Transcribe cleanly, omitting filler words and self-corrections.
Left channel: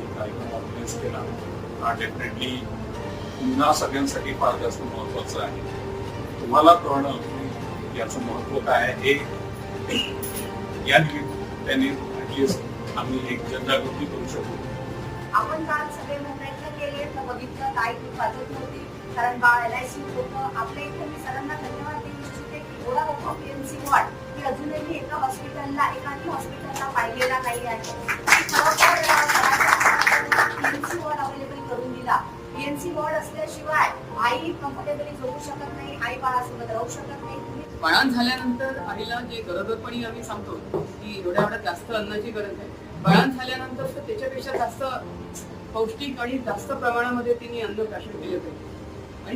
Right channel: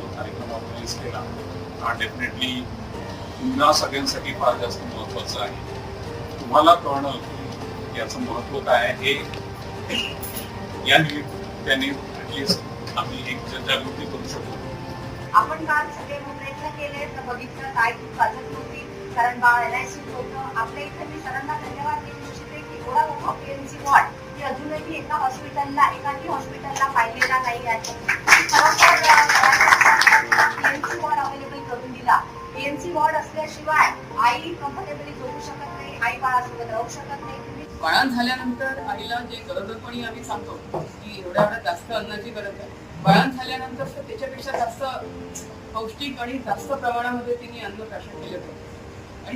जो कार्यक्रम ऑर्गनाईज केला डेफिनेटली पुन्हा सगळ्यांसाठी फार जास्त महत्वाचं आहे. तुम्हाला कळणं की याचं महत्व काय आहे हे या निमित्ताने ऍटलिस्ट आम्ही एक जनजागृती करू शकतो. आपण काल सगळे प्रयत्न केले तर बघितलं काय ती वाचत नव्हती कारण बाळ LIC होतं. आपल्या इथे मी सरांना धन्यवाद देऊ इच्छिते की एवढा मोठा PNC वॉर्ड की अजूनही एका हॉस्पिटलला एकाही हॉस्पिटलला पाहिलेला नाही आहे. PNC वॉर्ड अवेलेबल करून दिला. PNC वॉर्ड असल्याशिवाय आई कम्फर्टेबली झोपू शकत नाही, आई बाळासोबत राहू शकत नाही. बाळांत झाल्यानंतर आईला जे गरोदरपणी आम्ही सांगतो की एवढ्या जास्त अन्नाची गरज आहे, बाळांत झाल्यानंतर तर त्याच्यापेक्षा जास्त पौष्टिक आणि जास्त प्रमाणामध्ये तिने अन्न प्राशन केले पाहिजे.